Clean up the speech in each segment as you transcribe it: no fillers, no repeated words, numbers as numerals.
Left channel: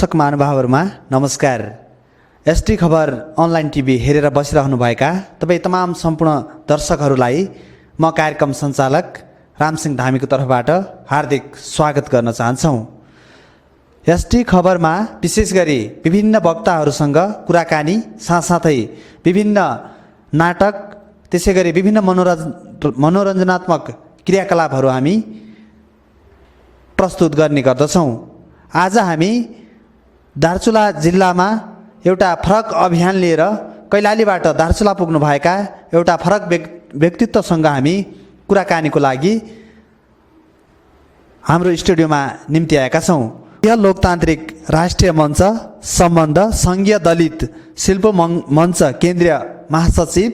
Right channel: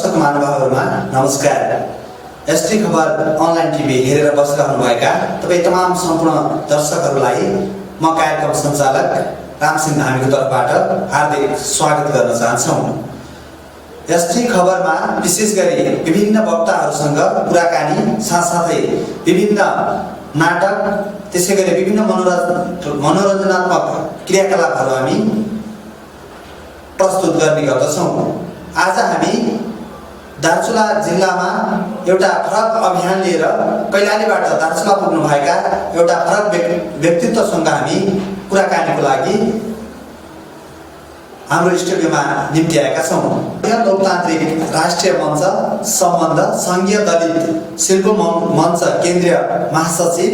दर्शक महानुभावहरुमा नमस्कार। एसटी खबर अनलाइन टिभी हेरेर बसिरहनुभएका तपाईं तमाम सम्पूर्ण दर्शकहरूलाई म कार्यक्रम सञ्चालक रामसिंह धामीको तर्फबाट हार्दिक स्वागत गर्न चाहन्छौं। एसटी खबरमा विशेष गरी विभिन्न वक्ताहरूसँग कुराकानी साथसाथै विभिन्न नाटक त्यसैगरी विभिन्न मनोरञ्जनात्मक क्रियाकलापहरू हामी प्रस्तुत गर्ने गर्दछौं। आज हामी दार्चुला जिल्लामा एउटा फरक अभियान लिएर कैलालीबाट दार्चुला पुग्नुभएका एउटा फरक व्यक्तित्वसँग हामी कुराकानीको लागि हाम्रो स्टुडियोमा निम्ति आएका छौं। यह लोकतान्त्रिक राष्ट्रिय मञ्च सम्बन्ध संघीय दलित शिल्प मञ्च केन्द्रीय महासचिव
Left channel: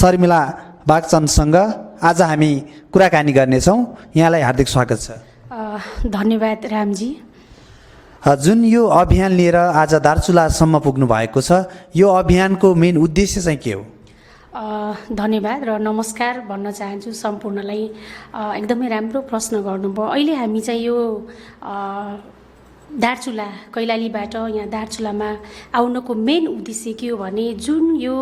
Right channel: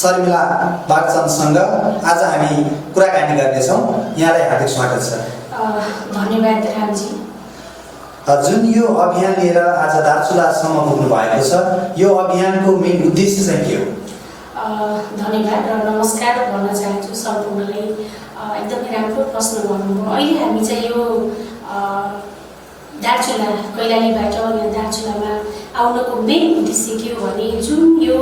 शर्मिला बागचन्दसँग आज हामी कुराकानी गर्नेछौं। यहाँलाई हार्दिक स्वागत छ। धन्यवाद रामजी। जुन यो अभियान लिएर आज दार्चुलासम्म पुग्नु भएको छ, यो अभियानको मेन उद्देश्य चाहिँ के हो? धन्यवाद र नमस्कार भन्न चाहन्छु सम्पूर्णलाई। एकदमै राम्रो प्रश्न गर्नुभयो। अहिले हामी चाहिँ यो दार्चुला कैलालीबाट यहाँ दार्चुलामा आउनको मेन उद्देश्य के हो भने जुन यो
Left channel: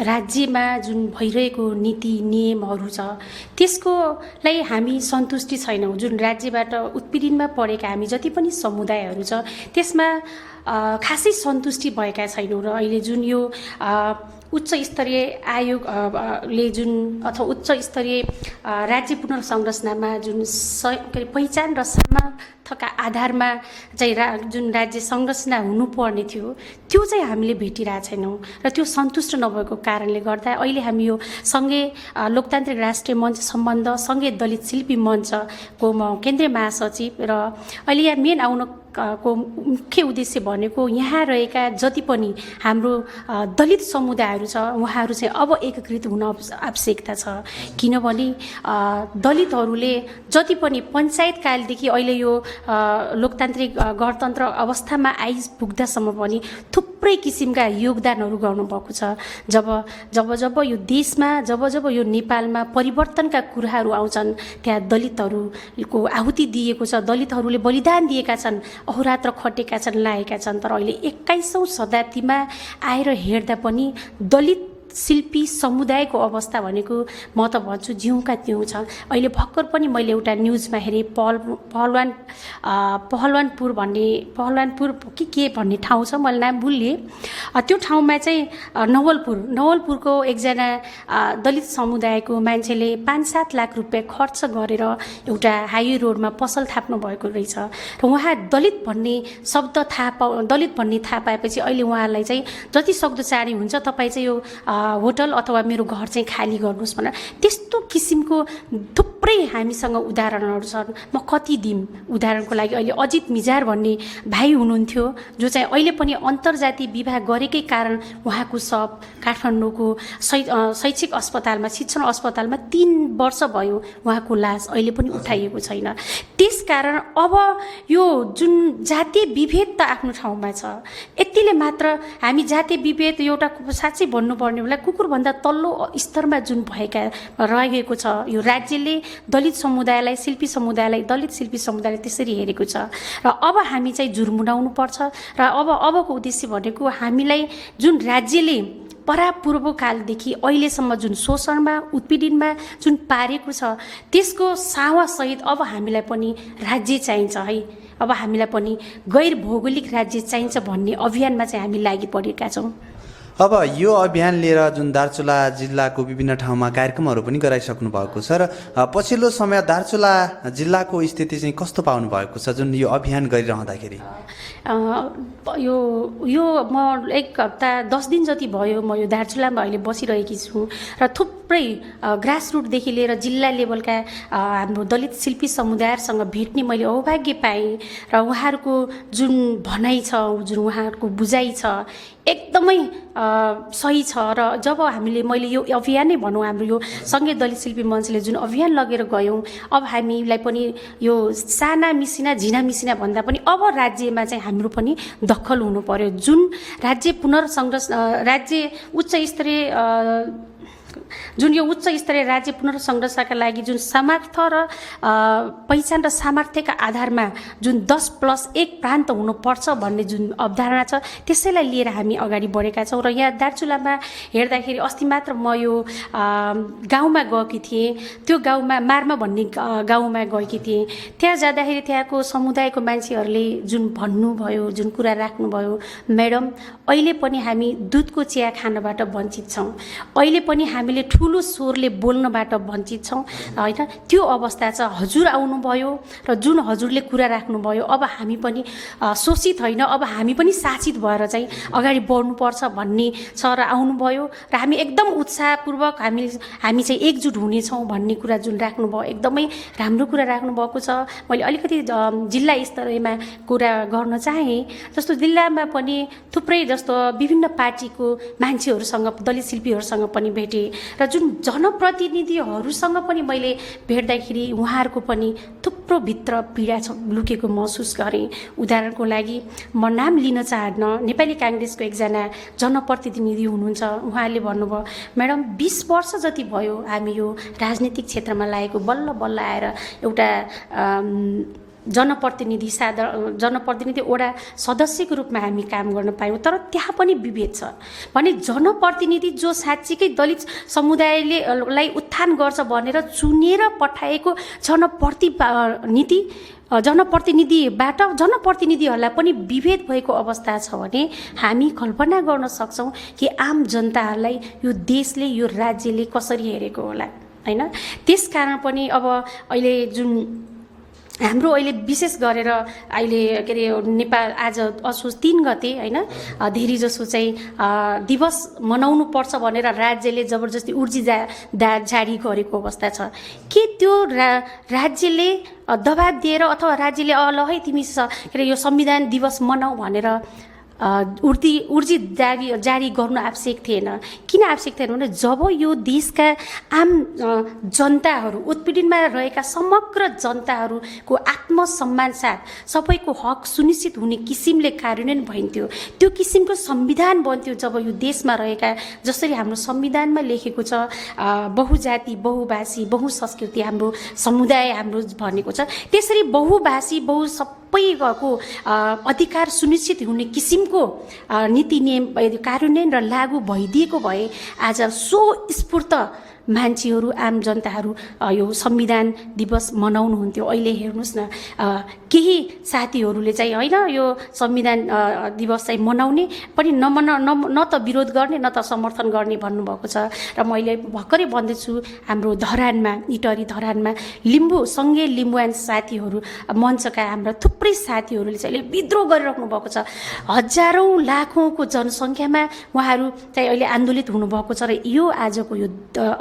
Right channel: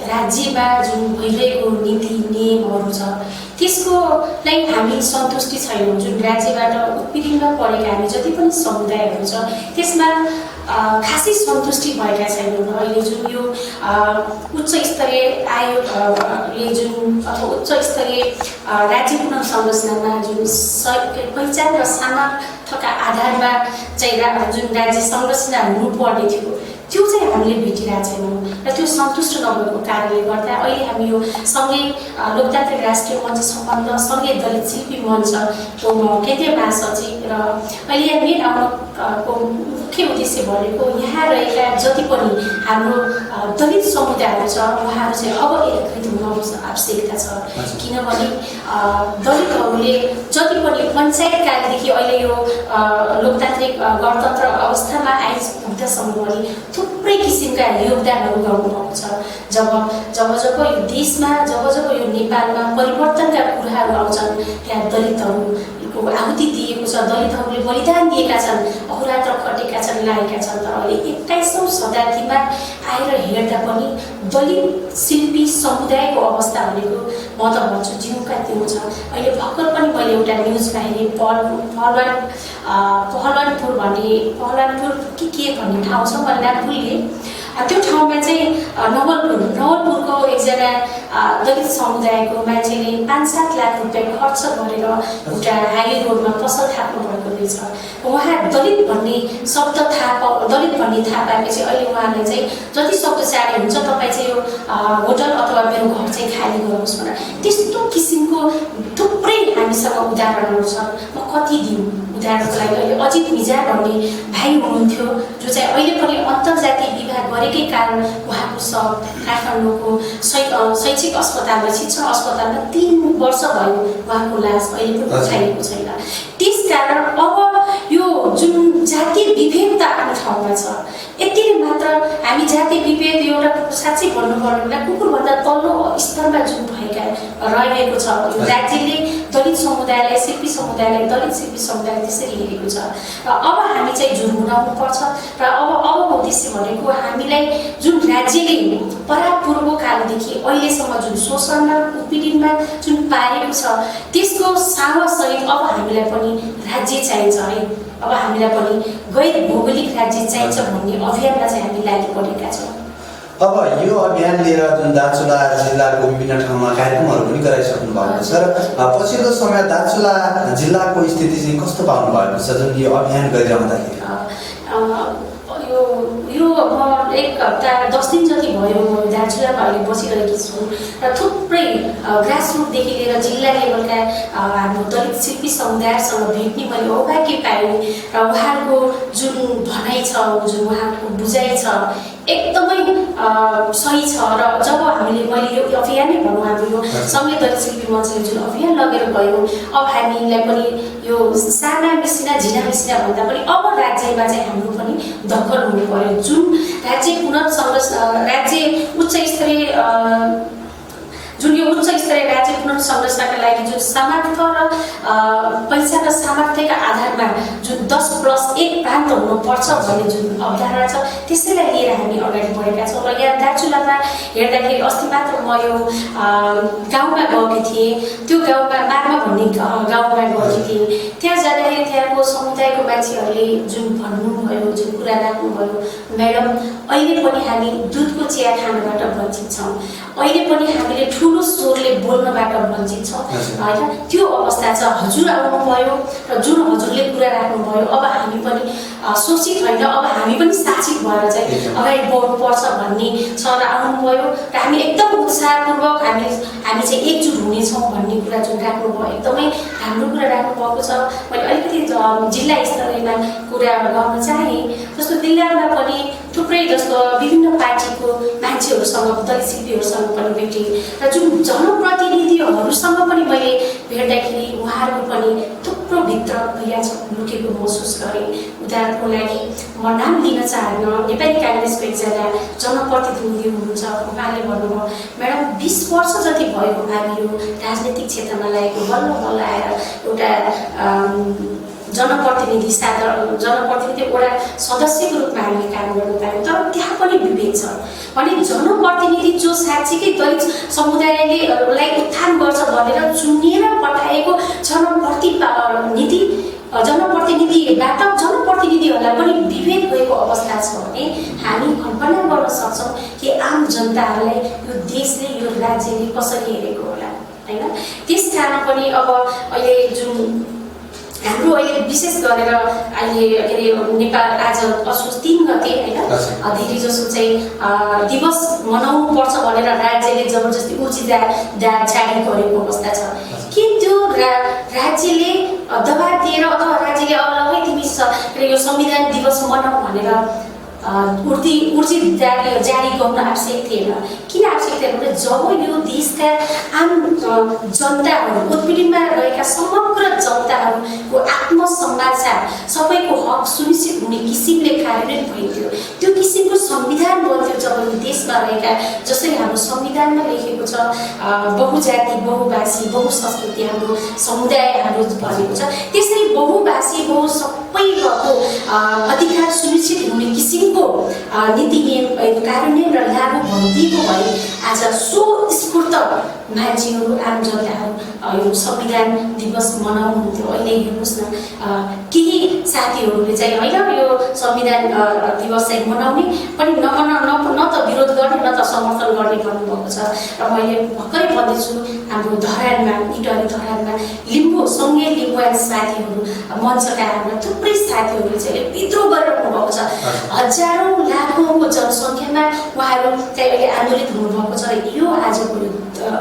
राज्यमा जुन भइरहेको नीति नियमहरू छ त्यसकोलाई हामी सन्तुष्टि छैनौँ। जुन राज्यबाट उत्पीडनमा परेका हामी जति पनि समुदायहरू छ त्यसमा खासै सन्तुष्टि भएका छैनौँ र अहिले जुन यो उच्च स्तरीय आयोगले जुन अथवा उच्च स्तरीय राज्य पुनर्संरचनामा जुन पहिचान र सामर्थ्यका आधारमा चाहिँ जुन राज्य संरचना हुनुपर्ने थियो त्यो चाहिँ हामीले भेटिरहेका छैनौँ र त्यो सन्तुष्ट नभएको कारणले गर्दा अहिले हामी यो सँगै लोकतान्त्रिक राष्ट्रिय मञ्च सम्बन्ध सँगै दलित शिल्पी मञ्चको म केन्द्रीय महासचिव र अहिले यहाँ मेन आउनको मुख्य उद्देश्य भनेको यहाँ रहेका जति पनि हाम्रो दलित समुदायहरू छ उहाँहरू चाहिँ अब एकीकृत हुन आवश्यकता छ। किनभने दलितहरूले जति पनि पञ्चायतकालदेखि अहिले यो लोकतान्त्रिक गणतन्त्र अवस्थामा आइपुग्दासम्म पनि थुप्रै किसिमका योगदानहरू गर्नुभएको छ। जब यो देशमा जब यो नेपालमा परिवर्तनका कुराहरू आउँछन् त्यहाँ दलितहरूको आहुति दिएको छ, दलितहरूले बलिदान दिएका छन्, अहोरात्र खटेका छन्, लागेका छन्। तर अहिले 21औं शताब्दीमा आएर हेर्दा पनि दलित शिल्पी समुदायको अवस्था भनेको म त भन्छु जिउका त्यो छ। अहिले भर्खर पनि मैले एउटा न्युजमा हेरेँ पहलवानपुर के भन्ने ठाउँ छ, मैले नाम भुलेँ। त्यो ठाउँमा चाहिँ नवलपुरको एकजना दलित समुदायको मान्छेले 5-7 लाख रुपियाँ खर्च गरेर एउटा हाइवे रोडमा पसल थाप्नु भएको रहेछ। र उहाँ दलित भन्ने थाहा पाएपछि अहिले उहाँलाई चाहिँ जति सक्दो चाँडै हुन्छ तपाईँ चाहिँ यो होटल अथवा मेरो घर चाहिँ खाली गर्नुहोस् भनेर त्यस्तो किसिमको थुप्रै हामीसँग उदाहरणहरू छन्। म कति दिउँ उदाहरणको लागि अहिले अजित मिजार भन्ने भाइ हुनुहुन्थ्यो जो चाहिँ अहिले पनि अन्तर्जातीय विवाह गरेकै कारण उहाँको शव काठमाडौँको शैक्षिक अस्पतालमा शिक्षण अस्पतालमा 3 वर्ष भयो उहाँको लास अहिले पनि उठाइएको छैन। त्यसकारण अब यो जुन जातीय विभेद त आफ्नो ठाउँमा छ, यतिले मात्र हामी जातीय विभेद एउटा साँच्चै भन्नुपर्ने बेला कुकुरभन्दा तल्लो स्तरमा जुन भएका रहेको छ। यो राज्यले दलित समुदायलाई शिल्पी समुदायलाई दलित शिल्पी समुदायलाई त्यसरी हेरेको छ र अब हामी चाहिँ झुर्मुनाउनु पर्छ र अबको उद्देश्य भनेको हामीलाई जुन राज्यले परापूर्व कालदेखि अहिलेसम्म जुन शोषणमा उत्पीडनमा जुन पारेको छ त्यसको सावासहित अब हामीलाई पनि राज्य चाहिन्छ है। अब हामीलाई पनि गैर भौगोलिक राज्य चाहिन्छ भन्ने अभियानमा चाहिँ हामी लागि परेका छौँ। अब यो अभियान लिएर जुन दार्चुला जिल्लाको विभिन्न ठाउँमा कार्यक्रमहरू पनि गराइसक्नु भएको छ र पछिल्लो समय दार्चुला जिल्लाको स्थिति चाहिँ कस्तो पाउनु भएको छ जुन यो अभियान गरिरहँदाखेरि? यो म 1 हप्ता 10 दिन जति भयो म यो दार्चुलामा अहिले बसिरहेकी छु र थुप्रै ग्रासरुटदेखि लिएर जिल्ला लेभलका हाम्रो दलित शिल्पी समुदायसँग भेट्ने मैले सौभाग्य पाएँ र उहाँहरूको जुन भनाइ छ, जुन उहाँहरूको बुझाइ छ एकदमै सही छ। र जब मैले यो अभियान नै भनौँ हाम्रो यो संघीय दलित शिल्पी मञ्चले जुन अभियान लगेर गयो अब हामीलाई पनि यो साना मिसिना झिना मिसिना भन्दा पनि अब राज्यमा चाहिँ हाम्रो पनि दखल हुनु पर्यो। जुन राज्य उच्च स्तरीय स्तरीय राज्य पुनर्संरचनाका लागि जुन सामर्थ्य र पहिचान र सामर्थ्यका आधारमा जुन 10+1 प्रान्त हुनुपर्छ भन्ने जुन अवधारणा छ त्यसैलाई लिएर हामी अगाडि बढेका छौँ। र यहाँ दार्चुलामा हेर्दाखेरि अस्ति मात्र म यो गाउँमा गएकी थिएँ। त्यो गाउँमा मार्मा भन्ने गाउँमा गएकी थिएँ। त्यहाँ जाँदाखेरि त्यहाँको समुदायको मान्छेहरूले जुन भन्नुभयो, जुन कुरा राख्नुभयो, म्याडम अहिले पनि हामी दुधको चिया खानबाट वञ्चित छौँ, अहिले पनि हामीले ठुलो स्वरले बोल्नबाट वञ्चित छौँ होइन। त्यो अवस्था छ। हजुर आउनुभयो र जुन हजुरले कुरा राख्नुभयो, अब हामी पनि शोषित होइन, अब हामी पनि शासित भएर चाहिँ अगाडि बढ्नुपर्छ भन्ने छ र आउनुभयो र हामी एकदम उत्साहपूर्वक हामी चाहिँ एकजुट हुनेछौँ भन्ने कुरा जुन राख्नुभयो एकदमै राम्रो कुरा राख्नुभएको छ। मैले अलिकति जिल्ला स्तरीयमा कुरा गर्न चाहेँ। जस्तो जिल्लामा पनि थुप्रै जस्तो विभिन्न पार्टीको मान्छेहरूसँग, दलित शिल्पीहरूसँग पनि भेटेँ र जुन जनप्रतिनिधिहरूसँग पनि मैले भेट्दाखेरि उहाँहरूको पनि थुप्रो भित्र पीडा लुकेको महसुस गरेँ। उदाहरणको लागि म नाम लिन चाहन्न, नेपाली काङ्ग्रेसको एकजना जनप्रतिनिधि हुनुहुन्छ। उहाँले भन्नुभयो, म्याडम 20 वर्ष जति भयो हामी यो राजनीतिक क्षेत्रमा लागेको, बल्ल बल्ल आएर एउटा जनप्रतिनिधि वडा सदस्यको रूपमा हामीले काम गर्न पायौँ। तर त्यहाँ पनि विभेद छ भने जनप्रतिनिधि जो साँच्चीकै दलित समुदायले उत्थान गर्छ भनेर चुनिएर पठाएको जनप्रतिनिधिबाट जनप्रतिनिधिहरूलाई पनि विभेद भएको अवस्था छ भने हामी कल्पना गर्न सक्छौँ कि आम जनताहरूलाई यो देशले, यो राज्यले कसरी हेरेको होला होइन। त्यसकारण पनि अब अहिले जुन हाम्रो अहिले विशेष गरेर अहिले के अरे नेपाल आज असोज 3 गते होइन धेरै जसो चाहिँ दिवस मनाउनु पर्छ भनेर राज्यले जबरजस्ती उर्जी जारी गरेको अवस्था छ। के त्यो राज्यले दबाब दिएर अथवा राज्यले अब ल है तिमी यो संविधान दिवस मनाऊ भनेर उर्जी जारी गर्न आवश्यक थिएन? किन आवश्यक थिएन भने जब यो देशका आम जनताहरू, उत्पीडनमा रहेका समग्र जनताहरूको आत्मसम्मान साथ सबैको हक सुनिश्चित हुने किसिमले कार्यान्वयन भइन्थ्यो। त्यो किसिमको संविधान बन्थ्यो जब यो देशमा रहेका, जसरी हाम्रो संविधानमा लेखेको छ बहुजाति, बहुभाषी, बहुसंस्कृति हाम्रो समुदाय हाम्रो भनेको छ, त्यसरी बहुभाषी सबैको अधिकार सुनिश्चित हुने किसिमको नीति नियम कार्यान्वयन र लागू भइदिएको भए आज स्फूर्त मान्छेहरू, आम जनताहरू यो संविधान दिवस मनाउनुहुन्थ्यो। अहिले हेर्नुहोस् न, केही साथीहरूले चाहिँ होइन यो संविधान दिवस चाहिँ मनाउने पनि न त विरोध गर्ने न त समर्थन गर्ने भन्नुभएको छ। र मैले भर्खरै भन्दैछु हाम्रो धरानमा, इटरी धरानमा सँगै लिम्बुवान साथीहरू, मञ्चका हाम्रा थुप्रै साथीहरूले चाहिँ विद्रोह गरिराख्नु भएको छ। हजारौँ लाखौँको जनसङ्ख्यामा उहाँहरू चाहिँ अहिले आन्दोलित हुनुभएको छ र यो आजको यो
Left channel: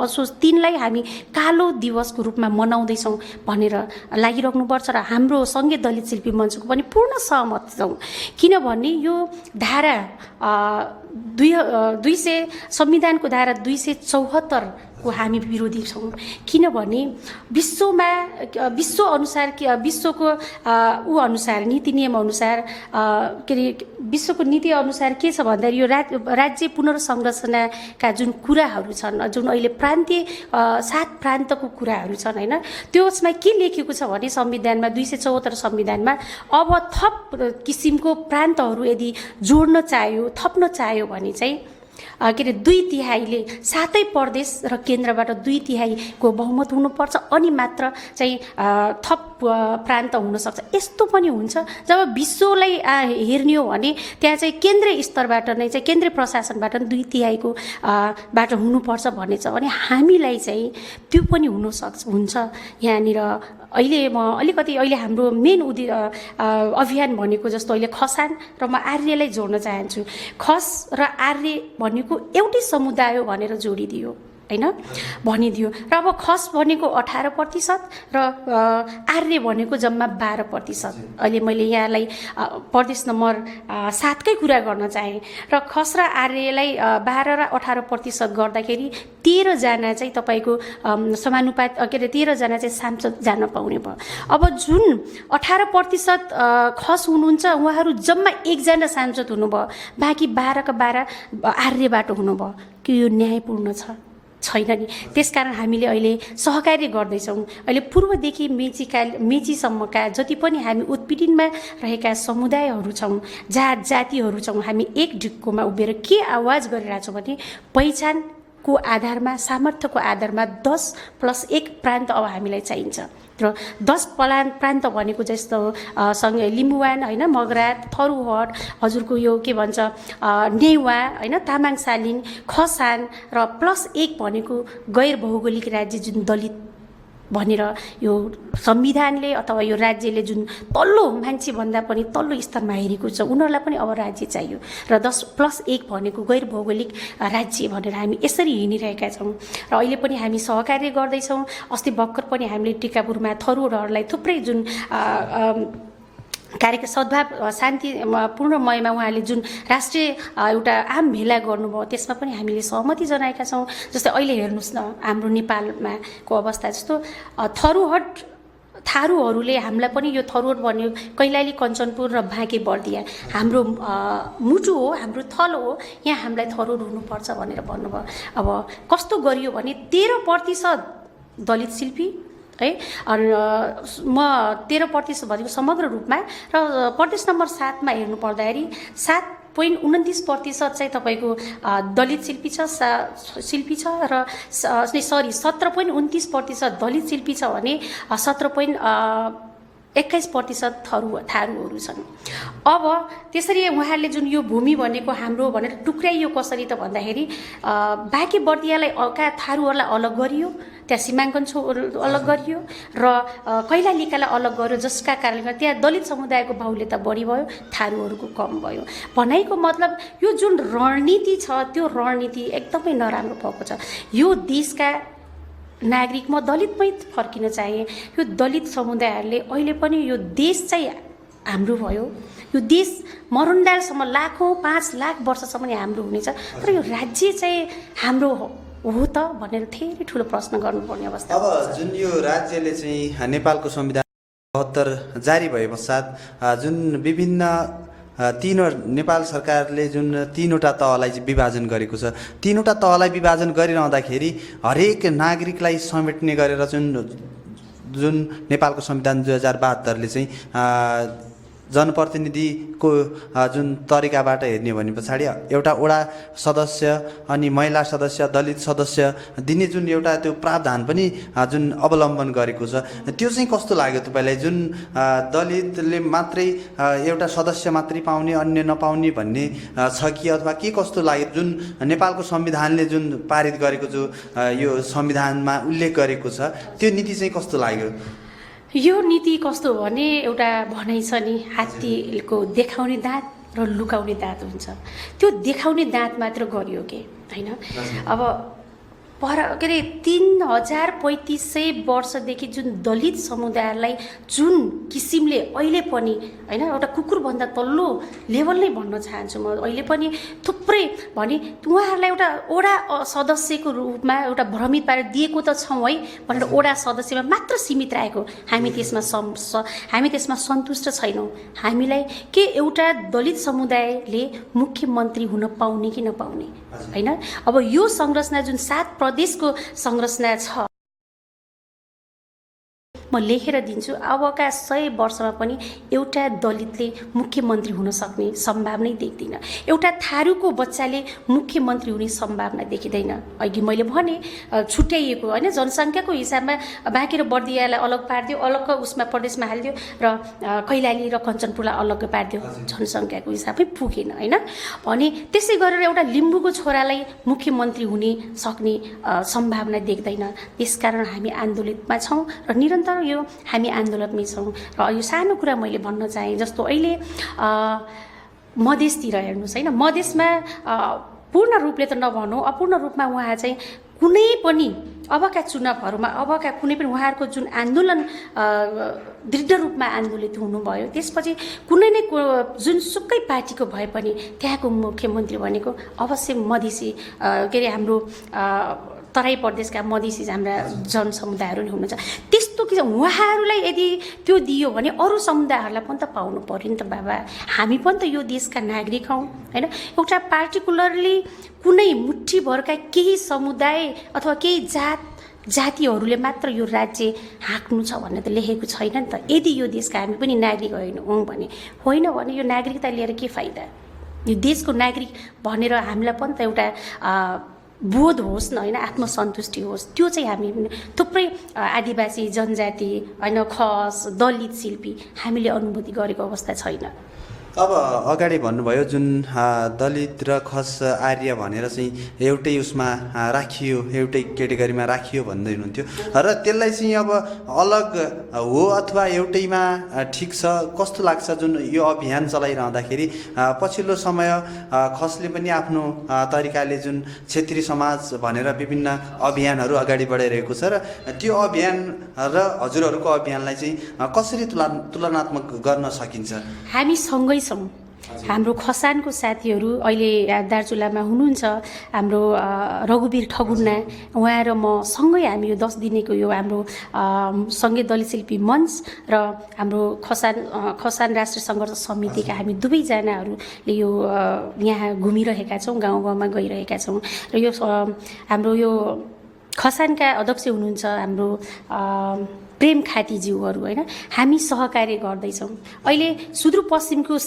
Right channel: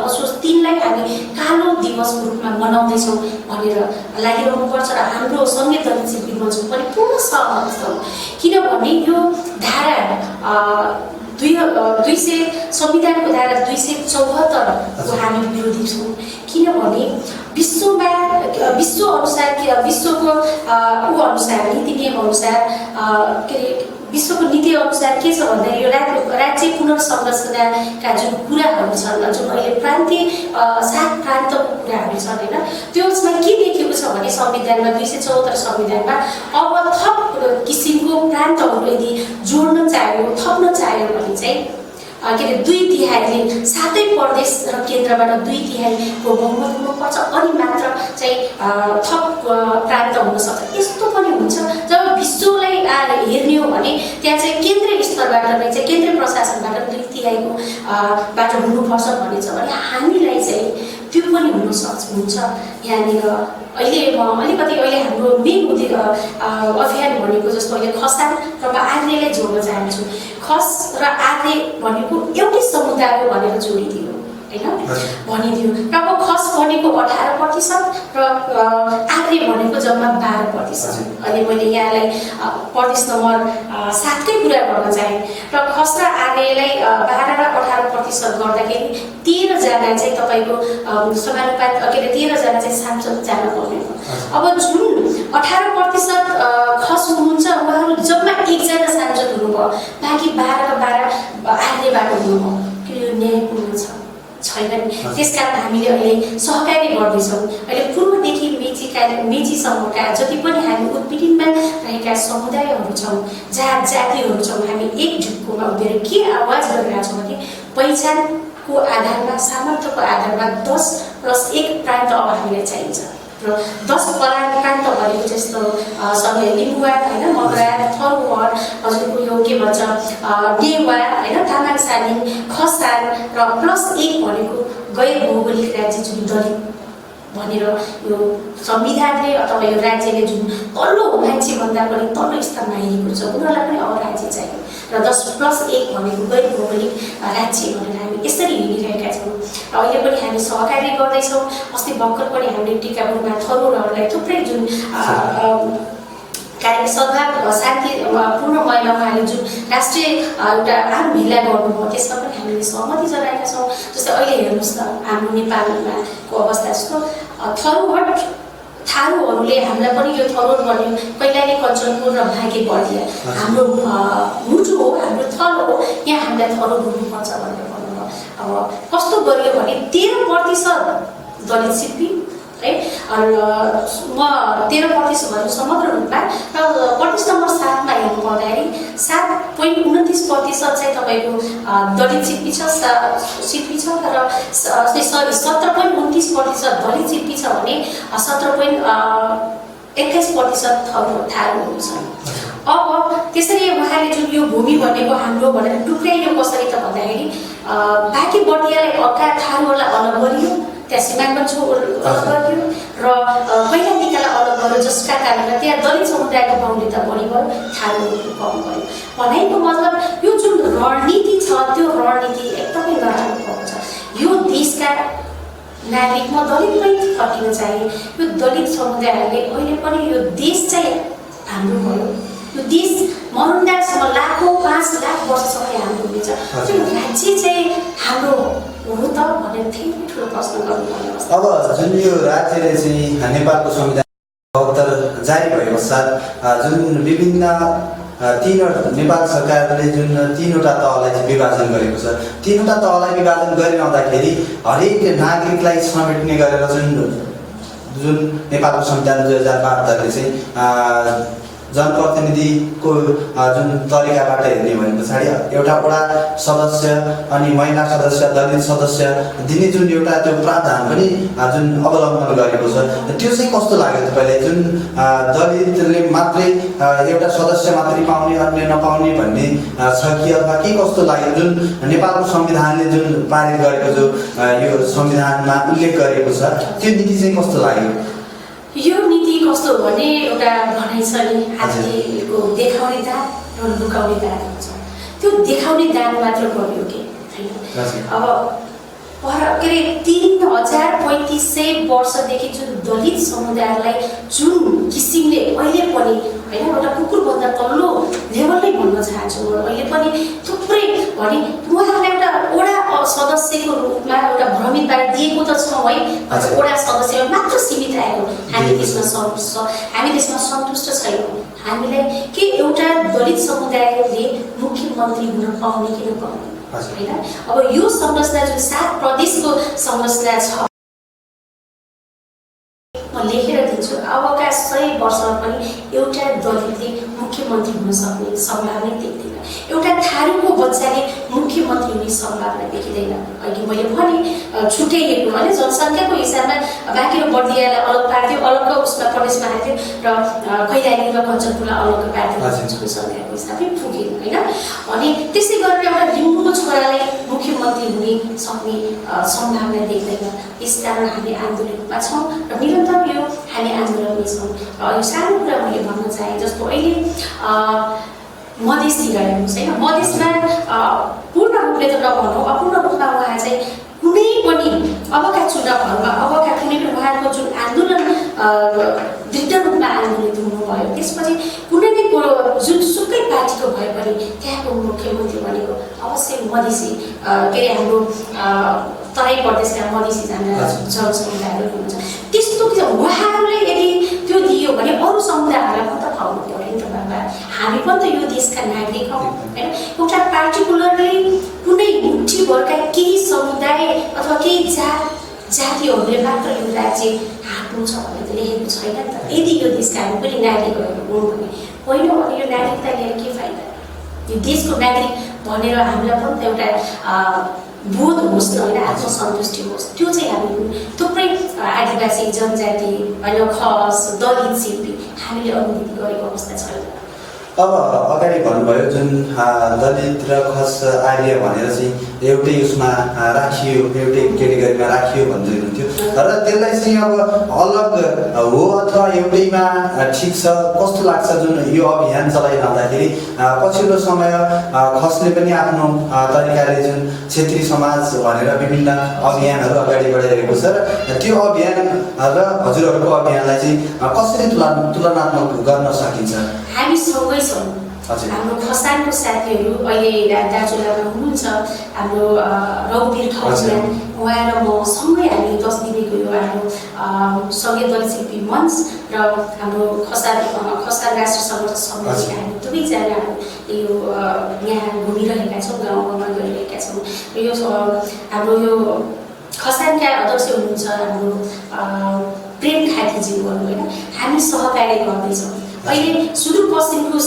असोज 3 लाई हामी कालो दिवसको रूपमा मनाउँदैछौँ भनेर लागिरहनुपर्छ। र हाम्रो सँगै दलित शिल्पी मञ्चको पनि पूर्ण सहमत छौँ। किनभने यो धारा 200 संविधानको धारा 274 को हामी विरोधी छौँ। किनभने विश्व अनुसार विश्वको अनुसार नीति नियम अनुसार के अरे विश्वको नीति अनुसार के छ भन्दा यो राज्य पुनर्संरचनाका जुन कुराहरू छन्, जुन अहिले प्रान्तीय 7 प्रान्तको कुराहरू छन् होइन, त्यसमा के लेखेको छ भने संविधानमा 274 संविधानमा अब थप किसिमको प्रान्तहरू यदि जोड्न चाह्यो, थप्न चाह्यो भने चाहिँ के अरे 2/3 सातै प्रदेश र केन्द्रबाट 2/3 बहुमत हुनुपर्छ अनि मात्र चाहिँ थप प्रान्त हुन सक्छ। यस्तो पनि हुन्छ जब विश्वलाई हेर्ने हो भने त्यहाँ चाहिँ केन्द्रीय स्तरबाट नै चाहिँ केन्द्रीय प्रशासनबाट 2/3 बाट हुनुपर्छ भन्ने छ भने हामीलाई चाहिँ त्यो पनि हुन्छ। यहाँनिर अहिले अलिकति अहिले हाम्रो मेन अभियान भनेको जस्तो अहिले खसान र म आर्यलाई जोड्न चाहन्छु। खस र आर्य भनेको एउटै समुदाय हो भनेर जोडिदियो होइन, भनिदियो। र अब खस भनेको 18% र आर्य भनेको जम्मा 12%। अहिले मैले यहाँलाई प्रदेश नम्बर 7 कै कुरा गर्न चाहेँ र खस र आर्यलाई 12 र 18% गर्दाखेरि 13 जना चाहिँ तपाईँको समानुपात के अरे 13 जना चाहिँ सांसद जान पाउने भयो। अब जुन 18% खस हुनुहुन्छ उहाँहरू जम्मा 1 जना सांसद हुनुभयो, बाँकी 12 का 12 आर्यबाट हुनुभयो। के यो न्यायपूर्ण छ? छैन नि। त्यसकारण हामीले अहिले सहकार्य गर्दैछौँ। अहिले पूर्वदेखि मेचीसम्मका जति पनि हामी उत्पीडनमा रहेका समुदायहरू छौँ, जातिहरू छौँ, हामी एक ढुक्कोमा उभिएर के आवाज गरिरहेका छौँ भने पहिचानको आधारमा, सामर्थ्यको आधारमा 10+1 प्रान्त अब हामीलाई चाहिन्छ। र 10 प्रान्त भनेको जस्तो सबले लिम्बुवा होइन, मगरा, थरुवार, हजुरको यो के भन्छ नेवा होइन, तामाङ सालिङ, खसान र +1 भनेको गैर भौगोलिक राज्य जुन दलित भनेर यो संविधानले अथवा यो राज्यले जुन तल्लो मान्छेभन्दा पनि तल्लो स्तरमा हेरेको छ, उनीहरूलाई पनि अब राज्य चाहियो। र 10+1 भनेको गैर भौगोलिक राज्य भनेर हामी यसरी हिँडिरहेका छौँ। र अहिले पनि हामी सहकार्य गर्दैछौँ। अस्ति भर्खर पनि हामीले टिकापुरमा थरुरहरूलाई थुप्रै जुन कार्यक्रम सद्भाव शान्ति पूर्णमयमा उहाँले जुन राष्ट्रिय एउटा आम भेला गर्नुभयो, त्यसमा पनि हामीले सहमति जनाएका छौँ। जस्तै अहिले हेर्नुहोस् न, हाम्रो नेपालमाको अवस्था जस्तो थारूहरूले हामीलाई पनि यो थरुर भन्यो, कैलाली कञ्चनपुर र भागे बर्दिया हाम्रो मुटु हो, हाम्रो थलो हो, यहाँ हामीलाई थरुर हुनुपर्छ भनेर भन्नुभयो। अब कस्तो गरियो भने 13% दलित शिल्पी है, र म 13% भन्छु समग्र रूपमा, र प्रदेश नम्बर 7 मा हेर्नु पर्दाखेरि 7.29% चाहिँ तपाईँको दलित शिल्पी छ र 17.29% दलित शिल्पी छ भने 17.21% थारूहरू छन्। अब त्यसरी उहाँले जुन यो भूमि भनेको हाम्रो भनेर टुक्राइयो कसरी त भन्दाखेरि बाँकी बर्दियालाई हक्का थारूहरूलाई अलग गरियो, त्यहाँ सीमाङ्कन अलग गरियो र कैलालीकालाई अलग गर्यो, जसका कारणले त्यहाँ दलित समुदायको बाहुल्यता बढी भयो, थारूहरूको कम भयो। भनाइको मतलब यो जुन रणनीति छ त्यो रणनीति एकदमै नराम्रो भएको छ। यो देशका नागरिक म दलितमै फर्किन चाहे, यो दलित समुदायहरूले अहिले पनि यो देश चाहिँ हाम्रो भयो, यो देश मरुन्डालसम्म लाखौँ 5 लाख वर्षसम्म हाम्रो हुनेछ, यो राज्य चाहिँ हाम्रो हो त भनेर धेरै ठुलो प्रश्न गर्नुपर्ने अवस्था। अब जुन यो राज्यले चाहिँ नेपालको संविधान 72 जारी भए पश्चात जुन विभिन्न नेपाल सरकारले जुन 3वटा तहलाई चाहिँ विभाजन गरेको छ, 3वटा तहलाई विभाजन गरिरहँदाखेरि हरेक नागरिकलाई समेट्ने गरेर जुन नेपालको संविधान 2072 ले चाहिँ जनप्रतिनिधिको जुन तरिकाबाट हेर्ने भने पछाडि एउटा वडा सदस्य अनि महिला सदस्य, दलित सदस्य दिने जुन एउटा त्यो प्रावधान पनि जुन अवलम्बन गरेको छ, त्यो चाहिँ कस्तो लाग्यो तपाईँलाई? जुन दलितले मात्रै एउटा सदस्य मात्रै पाउने, अन्य नपाउने भन्ने छ कि अथवा के कस्तो लाग्यो? जुन नेपालको संविधानले जुन पारित गरेको जो यो संविधानमा उल्लेख गरेको छ, त्यो नीति चाहिँ कस्तो लाग्यो? यो नीति कस्तो भने एउटा भनाइ छ नि, हात्तीको देखाउने दाँत र लुकाउने दाँत हुन्छ। त्यो देखाउने दाँत मात्र गरियो कि होइन। अब के अरे 3500 वर्षदेखि जुन दलित समुदायलाई जुन किसिमले अहिले पनि होइन एउटा कुकुरभन्दा तल्लो लेभलमै भन्न चाहन्छु म, अहिले पनि थुप्रै भने उहाँहरूलाई एउटा वडा सदस्यको रूपमा एउटा भ्रमित दिएको त छौँ है, वडा सदस्यमा मात्र सीमित रहेको हामी त्यसमा सन्तुष्ट छैनौँ। हामीलाई के एउटा दलित समुदायले मुख्यमन्त्री हुन पाउने कि नपाउने होइन। अब यो संरचना जुन 7 प्रदेशको संरचना छ, म लेखेर दिन्छु, अबका 100 वर्षमा पनि एउटा दलितले मुख्यमन्त्री हुन सक्ने सम्भावना देख्दैन। एउटा थारूको बच्चाले मुख्यमन्त्री हुने सम्भावना देखिँदैन। अघि मैले भने छुट्याइएको होइन, जनसङ्ख्याको हिसाबमा बाँकी र बर्दियालाई अलग पार्थ्यो, अलग उसमा प्रदेशमा हाल्थ्यो र कैलाली र कञ्चनपुरलाई अलग पार्थ्यो, जनसङ्ख्याको हिसाबले पुगेन होइन। अनि त्यसै गरेर एउटा लिम्बूको छोरालाई मुख्यमन्त्री हुने सक्ने सम्भावना देख्दैन। त्यसकारण हामी आन्दोलनमा छौँ र निरन्तर यो हामी आन्दोलनमै छौँ। र यो सानो कुरा मैले भन्न चाहेँ, जस्तो अहिले मधेसतिर हेर्नुहोस् होइन, मधेसमा पूर्ण रूपले त नभनौँ, अपूर्ण रूपमा उहाँ चाहिँ कुनै पनि अबका चुनावहरूमा अबका कुनै पनि उहाँको जुन आन्दोलन दृढ रूपमा आन्दोलित हुनुभयो, त्यसपछि कुनै नै जुनसुकै पार्टीको भए पनि त्यहाँको मुख्यमन्त्री भनेको अवश्य मधेसी के अरे हाम्रो तराई प्रदेशका मधेसी हाम्रा जनसमुदायहरू हुनुहुन्छ। त्यस्तो उहाँहरूलाई यदि त्यो दियो दियो भने अरू समुदायहरूलाई पनि त पाउनु पर्यो नि त बाबा। हामी पनि त यो देशका नागरिक हौँ होइन। एउटा पार्टिकुलरली कुनै मुठीभरका केही समुदाय अथवा केही जातिहरूले मात्र यो राज्य हाँक्नु छ भनेर त लेखेको छैन नि त। यदि यो देशका हामी पनि नागरिकहरू हौँ भने होइन भने यो नागरिकता लिएर के फाइदा? यो देशको नागरिक भनेर हामीलाई पनि त एउटा बोध होस् न होइन, आत्मसन्तुष्टि होस्। त्यो चाहिँ हामी थुप्रै आदिवासी जनजाति होइन, खस दलित शिल्पी हामीले अनुभूति गरेको अवस्था छैन। अब अगाडि भन्नुभयो जुन दलित र खस आर्य भनेर चाहिँ एउटै उसमा राखियो, एउटै केटेगरीमा राखियो भन्दै हुनुहुन्थ्यो र त्यसलाई चाहिँ अब अलग हो अथवा एउटैमा ठिक छ कस्तो लाग्छ? जुन यो अभियान चलाइरहँदाखेरि पछिल्लो समय खसले पनि आफ्नो तरिकाले जुन क्षेत्रीय समाज भनेर विभिन्न अभियानहरू अगाडि बढाइरहेको छ र त्यो अभियान र हजुरहरूको अभियानलाई चाहिँ कसरी तुलनात्मक गर्न सकिन्छ? हामी सँगै छौँ। हाम्रो खसानको साथीहरू अहिले दार्चुलामा हुनुहुन्छ, हाम्रो रघुवीर ठकुना उहाँ र म सँगै हामी 10 दिनेको यो हाम्रो सङ्घीय दलित शिल्पी मञ्च र हाम्रो खसान राष्ट्र सङ्घर्ष समितिका हामी दुवैजना हामीले यो यहाँ घुमिरहेका छौँ, गाउँ गाउँमा गइरहेका छौँ र यो हाम्रो यो खसानका अध्यक्ष हुनुहुन्छ हाम्रो प्रेम खातीज्यूहरू होइन। हामी सहकार्य गर्दैछौँ। अहिले सुदूरपश्चिमको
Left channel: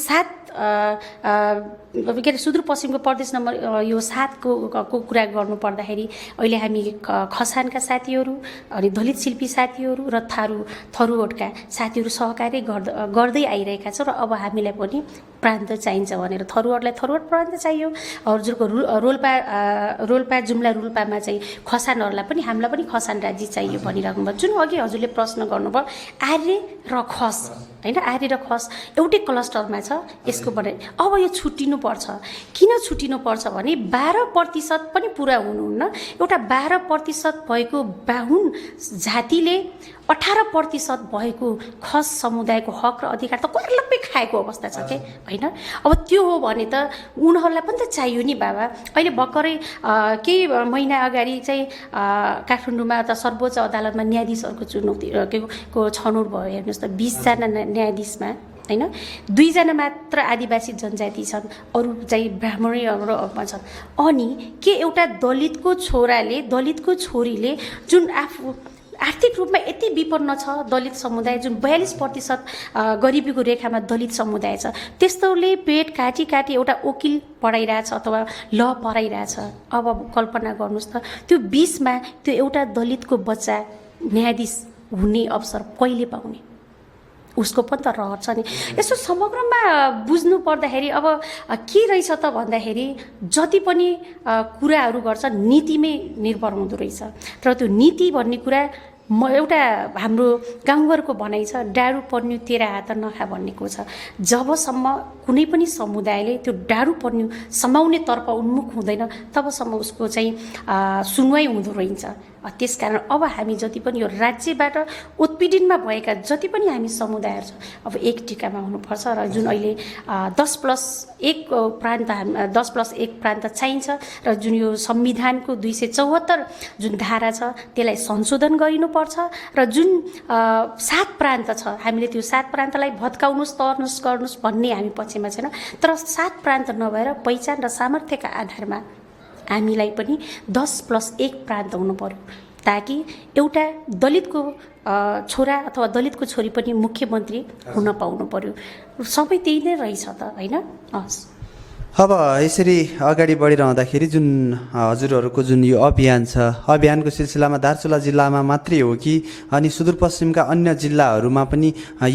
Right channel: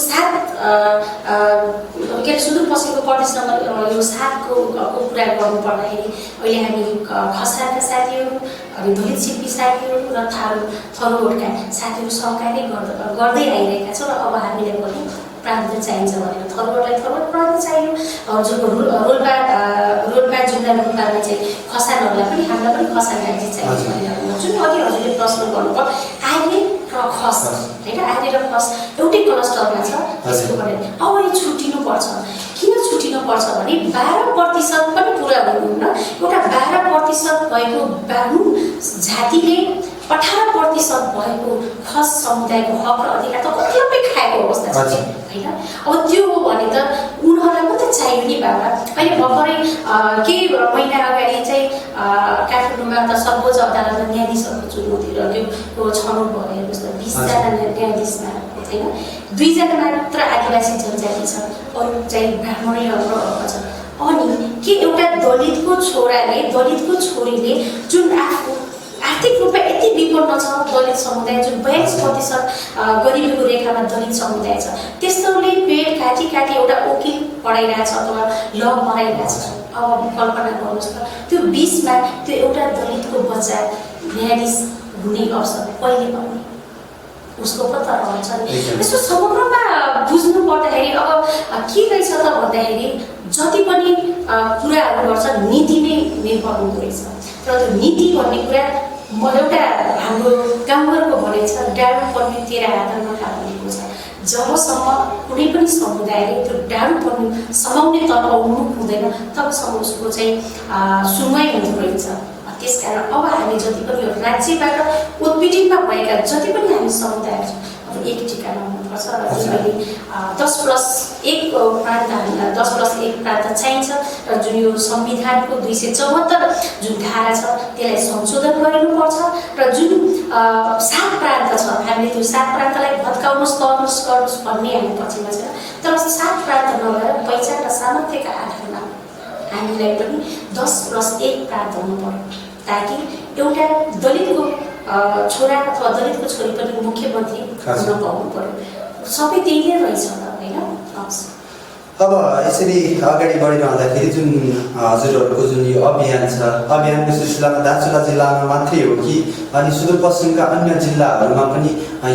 सुदूरपश्चिमको प्रदेश नम्बर यो 7 को कुरा गर्नुपर्दाखेरि अहिले हामी खसानका साथीहरू अनि दलित शिल्पी साथीहरू र थरुवटका साथीहरू सहकार्य गर्दै आइरहेका छौँ र अब हामीलाई पनि प्रान्त चाहिन्छ भनेर थरुवटलाई थरुवट प्रान्त चाहियो। हजुरको रोल्पा जुम्ला रोल्पामा चाहिँ खसानहरूलाई पनि हामीलाई पनि खसान राज्य चाहियो भनिरहेको भयो। जुन अघि हजुरले प्रश्न गर्नुभयो आर्य र खस होइन, आर्य र खस एउटै क्लस्टरमा छ त्यसको बारे अब यो छुट्टिनुपर्छ। किन छुट्टिनुपर्छ भने 12% पनि पुरा हुनुहुन्न। एउटा 12% भएको बाहुन जातिले 18% भएको खस समुदायको हक र अधिकार त कतिलम्बै खाएको अवस्था छ होइन। अब त्यो हो भने त उनीहरूलाई पनि त चाहियो नि बाबा। अहिले भर्खरै केही महिना अगाडि चाहिँ काठमाडौँमा त सर्वोच्च अदालतमा न्यायाधीशहरूको चुनौती र त्यो छनौट भयो। हेर्नुहोस् त 20 जना न्यायाधीशमा होइन 2 जना मात्र आदिवासी जनजाति छ, अरू चाहिँ ब्राह्मणै र छ। अनि के एउटा दलितको छोराले दलितको छोरीले जुन आफू आर्थिक रूपमा यति विपन्न छ दलित समुदाय जुन 42% गरिबीको रेखामा दलित समुदाय छ, त्यस्तोले पेट काटी एउटा वकिल पढाइरहेछ अथवा ल पढाइरहेछ। अब कल्पना गर्नुहोस् त त्यो 20मा त्यो एउटा दलितको बच्चा न्यायाधीश हुने अवसर कहिले पाउने? उसको पत्ता रहन्छ नि। यसो समग्रमा बुझ्नु पर्दाखेरि अब के रहेछ त भन्दाखेरि जति पनि कुराहरू गर्छ नीतिमै निर्भर हुँदो रहेछ। तर त्यो नीति भन्ने कुरा एउटा हाम्रो गाउँघरको भनाइ छ, डाँडो पर्ने तेरा हात नखा भनेको छ। जबसम्म कुनै पनि समुदायले त्यो डाँडो पर्ने समाउनेतर्फ उन्मुख हुँदैन तबसम्म उसको चाहिँ सुनवाई हुँदो रहेछ। त्यसकारण अब हामी जति पनि यो राज्यबाट उत्पीडनमा भएका जति पनि हामी समुदायहरू छौँ अब एक टिकामा हुनुपर्छ र जुन अहिले 10+1 प्रान्त चाहिन्छ र जुन यो संविधानको 274 जुन धारा छ त्यसलाई संशोधन गरिनुपर्छ र जुन 7 प्रान्त छ हामीले त्यो 7 प्रान्तलाई भत्काउनुहोस् भन्ने हामी पछिमा छैन। तर 7 प्रान्त नभएर पहिचान र सामर्थ्यका आधारमा हामीलाई पनि 10+1 प्रान्त हुनु पर्यो ताकि एउटा दलितको छोरा अथवा दलितको छोरी पनि मुख्यमन्त्री हुन पाउनु पर्यो। सबै त्यही नै रहेछ त होइन। अब यसरी अगाडि बढिरहँदाखेरि जुन हजुरहरूको जुन यो अभियान छ, अभियानको सिलसिलामा दार्चुला जिल्लामा मात्रै हो कि अनि सुदूरपश्चिमका अन्य जिल्लाहरूमा पनि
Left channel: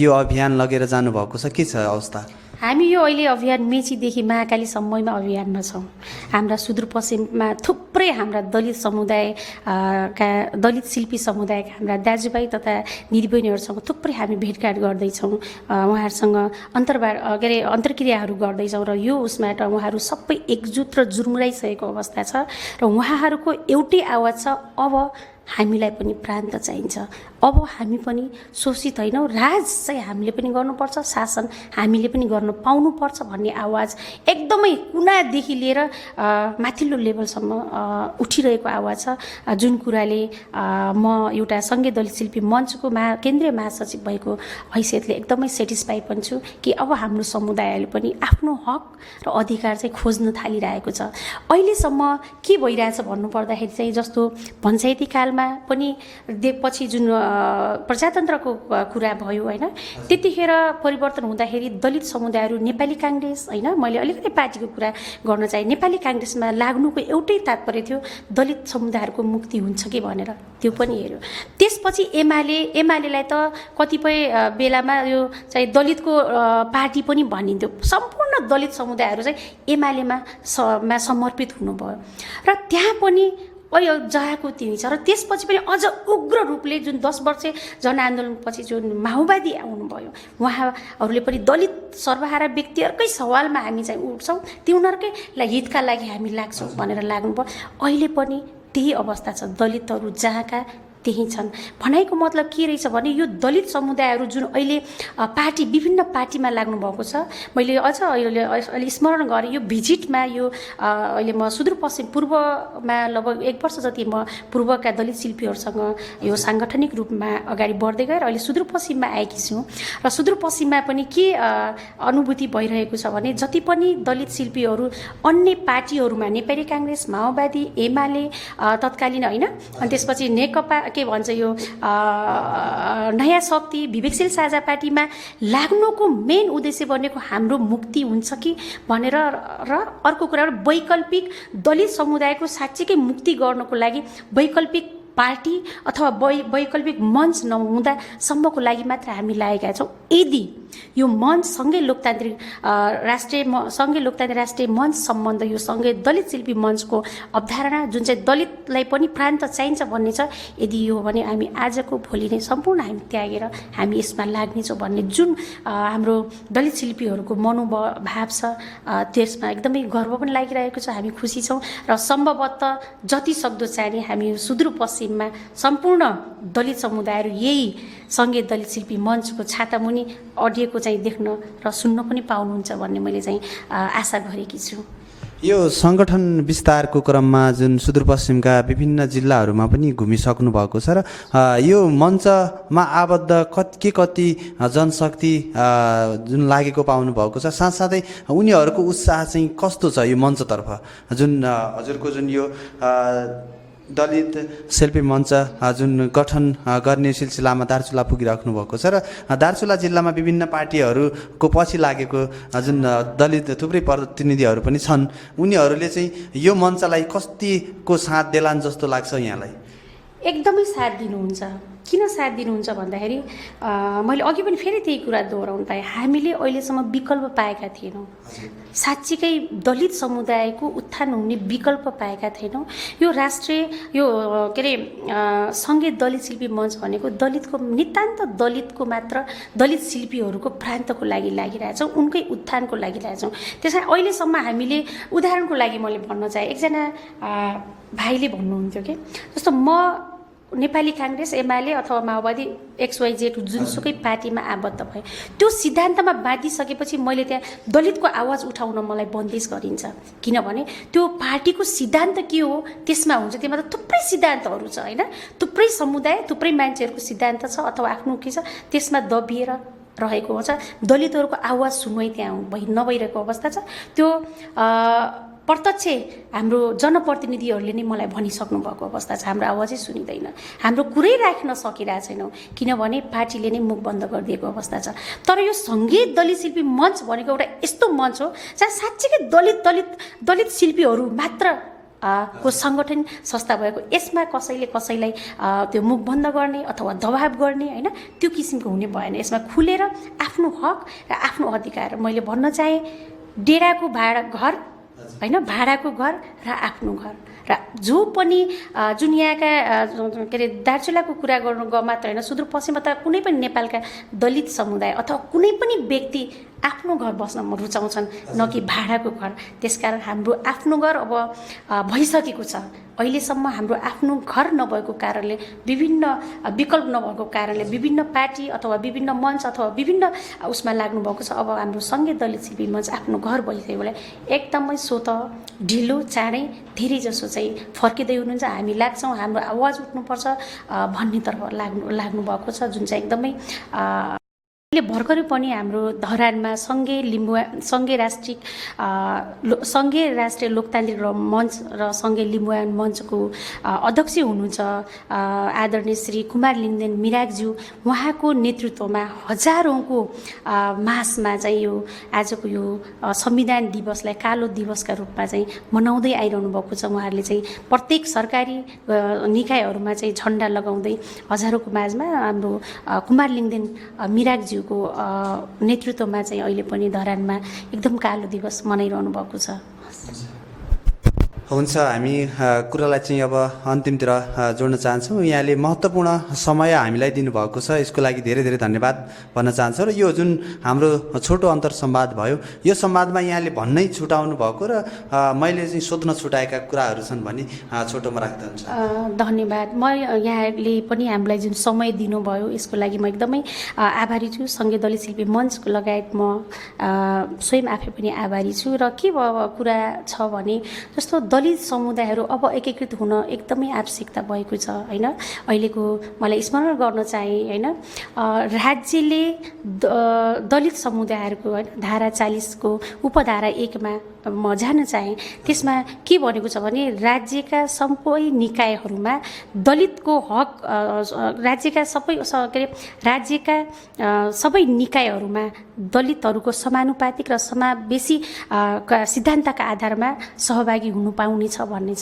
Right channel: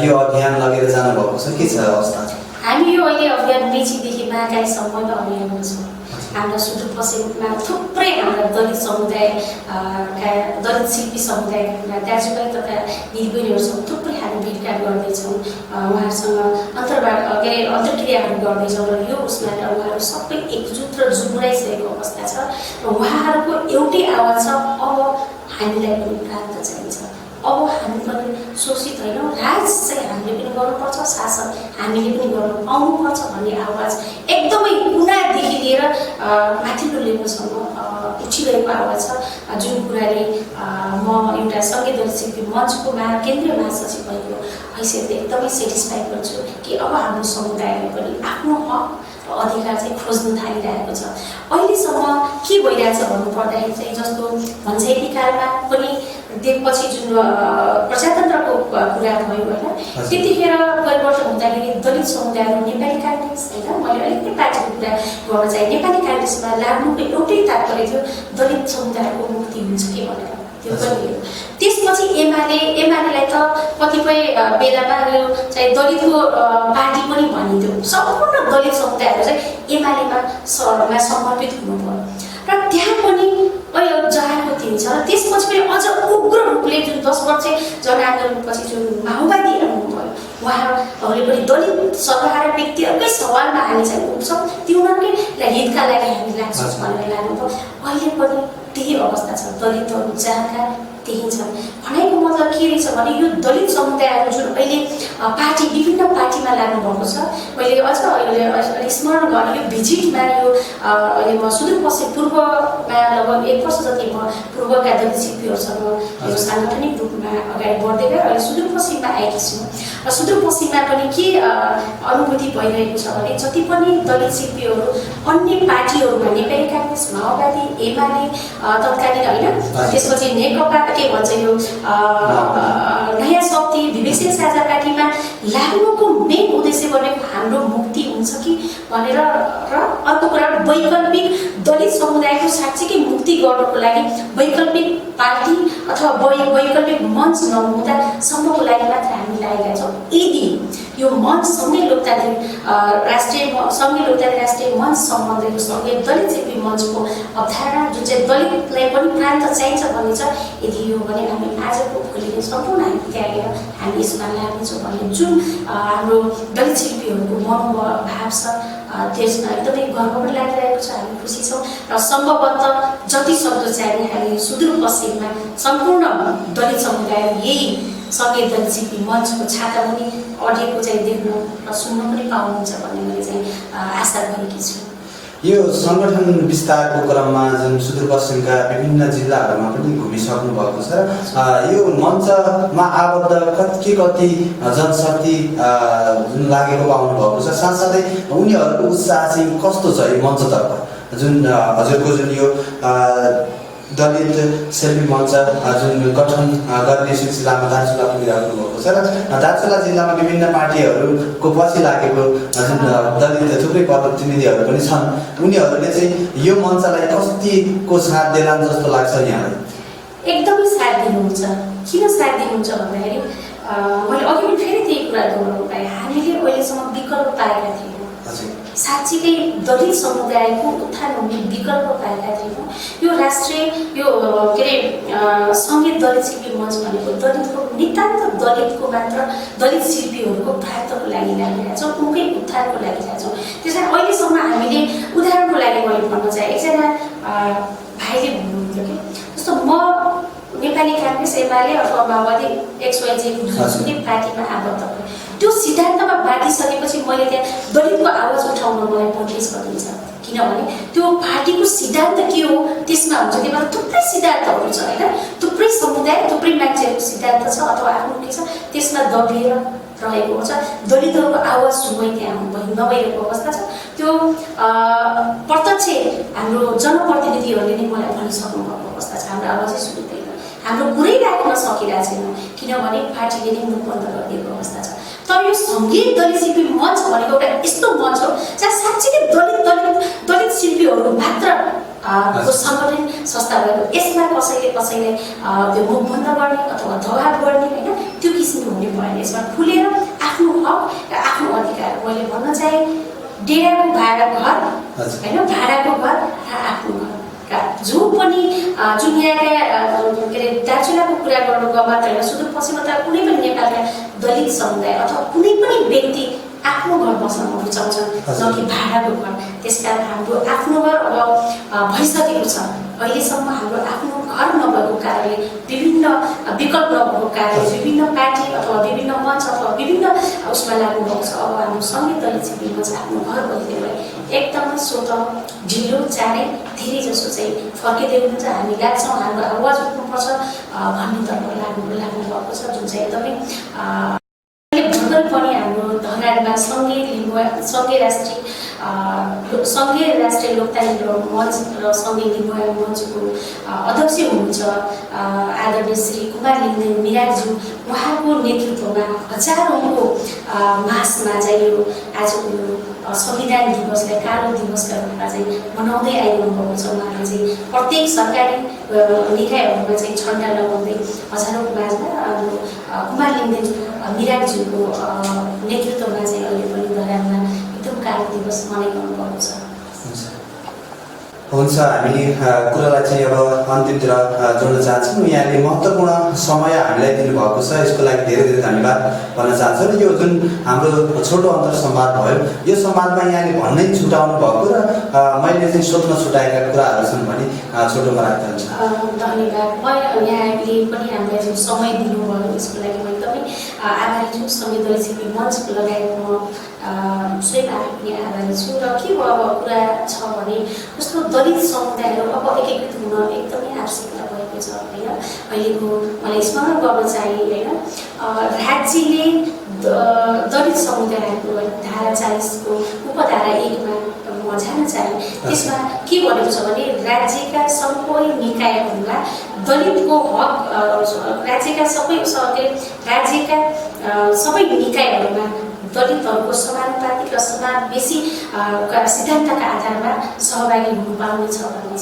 यो अभियान लगेर जानुभएको छ? के छ अवस्था? हामी यो अहिले अभियान मेचीदेखि महाकालीसम्मको अभियानमा छौँ। हाम्रा सुदूरपश्चिममा थुप्रै हाम्रा दलित समुदायका दलित शिल्पी समुदायका हाम्रा दाजुभाइ तथा दिदीबहिनीहरूसँग थुप्रै हामी भेटघाट गर्दैछौँ। उहाँहरूसँग अन्तर्क्रियाहरू गर्दैछौँ र यो उसबाट उहाँहरू सबै एकजुट र जुमुराइसकेको अवस्था छ र उहाँहरूको एउटै आवाज छ, अब हामीलाई पनि प्रान्त चाहिन्छ। अब हामी पनि शोषित होइनौँ, राज चाहिँ हामीले पनि गर्नुपर्छ, शासन हामीले पनि गर्न पाउनुपर्छ भन्ने आवाज एकदमै कुनादेखि लिएर माथिल्लो लेभलसम्म उठिरहेको आवाज छ, जुन कुराले म एउटा सङ्घीय दलित शिल्पी मञ्चको केन्द्रीय महासचिव भएको हैसियतले एकदमै सेटिस्फाइड पनि छु कि अब हाम्रो समुदायले पनि आफ्नो हक र अधिकार चाहिँ खोज्न थालिरहेको छ। अहिलेसम्म के भइरहेछ भन्नुपर्दाखेरि चाहिँ जस्तो पञ्चायती कालमा पनि पछि जुन प्रजातन्त्रको कुरा भयो होइन, त्यतिखेर परिवर्तन हुँदाखेरि दलित समुदायहरू नेपाली काङ्ग्रेस होइन, मैले अलिकति पार्टीको कुरा गर्न चाहे, नेपाली काङ्ग्रेसमा लाग्नुको एउटै तात्पर्य थियो दलित समुदायको मुक्ति हुन्छ कि भनेर, त्यो पनि हेऱ्यो। त्यसपछि एमालेलाई त कतिपय बेलामा यो चाहिँ दलितको पार्टी पनि भनिन्थ्यो, सम्पूर्ण दलित समुदायहरू चाहिँ एमालेमा समर्पित हुनुभयो र त्यहाँ पनि अहिले जहाको दिन छ। र त्यसपछि पनि अझ उग्र रूपले जुन 10 वर्ष जनआन्दोलनपछि जुन माओवादी आउनुभयो, उहाँहरूले पनि दलित सर्वहारा व्यक्तिहरूकै सवालमा हामी चाहिँ उठ्छौँ, त्यो उनीहरूकै हितका लागि हामी लाग्छौँ भनेर लाग्नुभयो। अहिले पनि त्यही अवस्था छ, दलितहरू जहाँका त्यही छन्। भनाइको मतलब के रहेछ भने यो दलित समुदायहरू जुन अहिले विभिन्न पार्टीमा लाग्नु भएको छ, मैले अझ अहिले स्मरण गरेँ यो भिजिटमा यो अहिले म सुदूरपश्चिम पूर्वमा लगभग 1 वर्ष जति म पूर्वका दलित शिल्पीहरूसँग यो साङ्गठनिक रूपमा अगाडि बढ्दै गएर अहिले सुदूरपश्चिममा आएकी छु र सुदूरपश्चिममा पनि के अनुभूति भइरहेको छ भने जति पनि दलित शिल्पीहरू अन्य पार्टीहरूमा नेपाली काङ्ग्रेस, माओवादी, एमाले तत्कालीन होइन, त्यसपछि नेकपा के भन्छ यो नयाँ शक्ति, विवेकशील साझा पार्टीमा लाग्नुको मेन उद्देश्य भनेको हाम्रो मुक्ति हुन्छ कि भनेर र अर्को कुरा वैकल्पिक दलित समुदायको साँच्चीकै मुक्ति गर्नको लागि वैकल्पिक पार्टी अथवा वैकल्पिक मञ्च नहुँदासम्मको लागि मात्र हामी लागेका छौँ। यदि यो मञ्च सङ्घीय लोकतान्त्रिक राष्ट्रिय मञ्च सम्बन्ध यो सङ्घीय दलित शिल्पी मञ्चको अवधारणा जुन चाहिँ दलितलाई पनि प्राण त चाहिन्छ भन्ने छ, यदि यो भने हामी आजको भोलि नै सम्पूर्ण हामी त्यागेर हामी यसमा लाग्नेछौँ भन्ने जुन हाम्रो दलित शिल्पीहरूको मनोभाव छ, त्यसमा एकदमै गर्व पनि लागिरहेको छ। हामी खुसी छौँ र सम्भवतः जति सक्दो चाहिँ हामी सुदूरपश्चिममा सम्पूर्ण दलित समुदाय यही सङ्घीय दलित शिल्पी मञ्चको छातामुनि अडिएको चाहिँ देख्न र सुन्न पनि पाउनुहुन्छ भन्ने मैले चाहिँ आशा गरेकी छु। यो सङ्गठन विस्तारको क्रममा जुन सुदूरपश्चिमका विभिन्न जिल्लाहरूमा पनि घुमिसक्नु भएको छ र यो मञ्चमा आबद्ध कति जनशक्ति जुन लागेको पाउनु भएको छ, साथसाथै उनीहरूको उत्साह चाहिँ कस्तो छ यो मञ्चतर्फ, जुन हजुरको जुन यो दलित शिल्पी मञ्च जुन गठन गर्ने सिलसिलामा दार्चुला पुगिराख्नु भएको छ र दार्चुला जिल्लामा विभिन्न पार्टीहरूको पछि लागेको जुन दलित थुप्रै प्रतिनिधिहरू पनि छन्, उनीहरूले चाहिँ यो मञ्चलाई कतिको साथ देलान् जस्तो लाग्छ यहाँलाई? एकदमै साथ दिनुहुन्छ। किन साथ दिनुहुन्छ भन्दाखेरि मैले अघि पनि फेरि त्यही कुरा दोहोऱ्याउनु पाएँ, हामीले अहिलेसम्म विकल्प पाएका थियौँ, साँच्चीकै दलित समुदायको उत्थान हुने विकल्प पाएका थिएनौँ। यो राष्ट्रिय यो के अरे सङ्घीय दलित शिल्पी मञ्च भनेको दलितको नितान्त दलितको मात्र दलित शिल्पीहरूको प्रान्तको लागि लागिरहेछौँ, उनकै उत्थानको लागि लागिरहेछौँ। त्यस कारण अहिलेसम्म हामीले उदाहरणको लागि मैले भन्न चाहे, एकजना भाइले भन्नुहुन्थ्यो कि जस्तो म नेपाली काङ्ग्रेस, एमाले अथवा माओवादी XYZ जुनसुकै पार्टीमा आबद्ध भयो, त्यो सिद्धान्तमा बाँधिसकेपछि मैले त्यहाँ दलितको आवाज उठाउन मलाई बन्देज गरिन्छ, किनभने त्यो पार्टीको सिद्धान्त के हो त्यसमा हुन्छ। त्यही भएर थुप्रै सिद्धान्तहरू छ होइन, थुप्रै समुदाय थुप्रै मान्छेहरूको सिद्धान्त छ अथवा आफ्नो के छ त्यसमा दबिएर रहेको हुन्छ। दलितहरूको आवाज सुन्दै त्यहाँ नभइरहेको अवस्था छ। त्यो प्रत्यक्ष हाम्रो जनप्रतिनिधिहरूले नै मलाई भनिसक्नु भएको अवस्था छ, हाम्रो आवाजै सुनिँदैन, हाम्रो कुरै राख्न सकिरहेको छैनौँ, किनभने पार्टीले नै मुख बन्द गरिदिएको अवस्था छ। तर यो सङ्घीय दलित शिल्पी मञ्च भनेको एउटा यस्तो मञ्च हो जहाँ साँच्चीकै दलित शिल्पीहरू मात्र को सङ्गठन संस्था भएको, यसमा कसैलाई त्यो मुख बन्द गर्ने अथवा दबाब गर्ने होइन त्यो किसिमको हुने भएन। यसमा खुलेर आफ्नो हक र आफ्नो अधिकार, मैले भन्न चाहे डेराको भाडाको घर होइन, भाडाको घर र आफ्नो घर र जो पनि जुन यहाँका के अरे दार्चुलाको कुरा गर्नुको मात्र होइन, सुदूरपश्चिममा त कुनै पनि नेपालका दलित समुदाय अथवा कुनै पनि व्यक्ति आफ्नो घर बस्न रुचाउँछन्, न कि भाडाको घर। त्यसकारण हाम्रो आफ्नो घर अब भइसकेको छ। अहिलेसम्म हाम्रो आफ्नो घर नभएको कारणले विभिन्न विकल्प नभएको कारणले विभिन्न पार्टी अथवा विभिन्न मञ्च अथवा विभिन्न उसमा लाग्नुभएको छ। अब हाम्रो सङ्घीय दलित शिविर मञ्च आफ्नो घर भइदिएकोले एकदमै स्वत ढिलो चाँडै धेरै जसो चाहिँ फर्किँदै हुनुहुन्छ। हामी लाग्छौँ हाम्रो आवाज उठ्नुपर्छ भन्नेतर्फ लाग्नुभएको छ, जुन चाहिँ एकदमै भर्खर पनि हाम्रो धरानमा सँगै राष्ट्रिय लोकतान्त्रिक मञ्च र सँगै लिम्बुवाङ मञ्चको अध्यक्ष हुनुहुन्छ आदरणीय श्री कुमार लिङ्गदेन मिरागज्यू। उहाँको नेतृत्वमा हजारौँको मासमा चाहिँ यो आजको यो संविधान दिवसलाई कालो दिवसका रूपमा चाहिँ मनाउँदै आइरहनु भएको छ। उहाँले चाहिँ प्रत्येक सरकारी निकायहरूमा चाहिँ झन्डा लगाउँदै हजारौँको माझमा हाम्रो कुमार लिङ्गदेन मिरागज्यूको नेतृत्वमा चाहिँ अहिले पनि धरानमा एकदम कालो दिवस मनाइरहनु भएको छ। हुन्छ, हामी कुरालाई चाहिँ अब अन्तिमतिर जोड्न चाहन्छौँ। यहाँले महत्त्वपूर्ण समय हामीलाई दिनुभएको छ, यसको लागि धेरै धेरै धन्यवाद भन्न चाहन्छु। र यो जुन हाम्रो छोटो अन्तर संवाद भयो, यो संवादमा यहाँले भन्नै छुटाउनु भएको र मैले चाहिँ सोध्न छुटाएका कुराहरू छन् भने छोटोमा राख्न चाहन्छु। धन्यवाद। म यहाँले पनि हामीलाई जुन समय दिनुभयो यसको लागि म एकदमै आभारी छु। सङ्घीय दलित शिविर मञ्च लगायत म स्वयं आफै पनि आभारी छु। र के कुरा छ भने जस्तो दलित समुदायहरू अब एकीकृत हुन एकदमै आवश्यकता भएको छ होइन। अहिलेको मलाई स्मरण गर्न चाहे होइन, राज्यले दलित समुदायहरूको धारा 40 को उपधारा 1 मा म जान चाहे त्यसमा के भनेको छ भने राज्यका सबै निकायहरूमा दलितको हक राज्यका सबै निकायहरूमा दलितहरूको समानुपातिक र समावेशी सिद्धान्तका आधारमा सहभागी हुनु पाउनेछ भन्ने छ।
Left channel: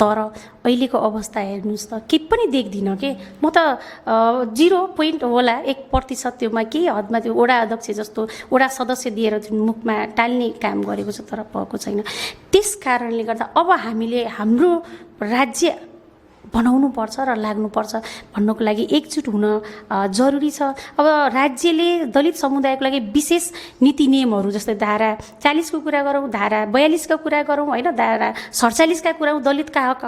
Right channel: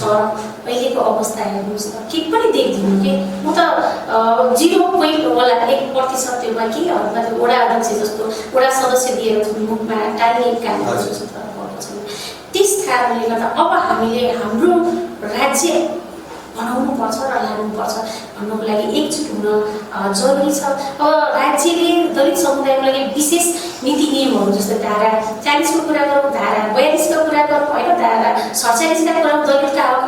तर अहिलेको अवस्था हेर्नुहोस् त के पनि देख्दिनँ कि म त 0.1% त्योमा केही हदमा त्यो वडा अध्यक्ष जस्तो वडा सदस्य दिएर मुखमा टाल्ने काम गरेको छ, तर भएको छैन। त्यस कारणले गर्दा अब हामीले हाम्रो राज्य बनाउनुपर्छ र लाग्नुपर्छ भन्नको लागि एकजुट हुन जरुरी छ। अब राज्यले दलित समुदायको लागि विशेष नीति नियमहरू जस्तै धारा 40 को कुरा गरौँ, धारा 42 का कुरा गरौँ होइन, धारा 47 का कुरा दलितका हक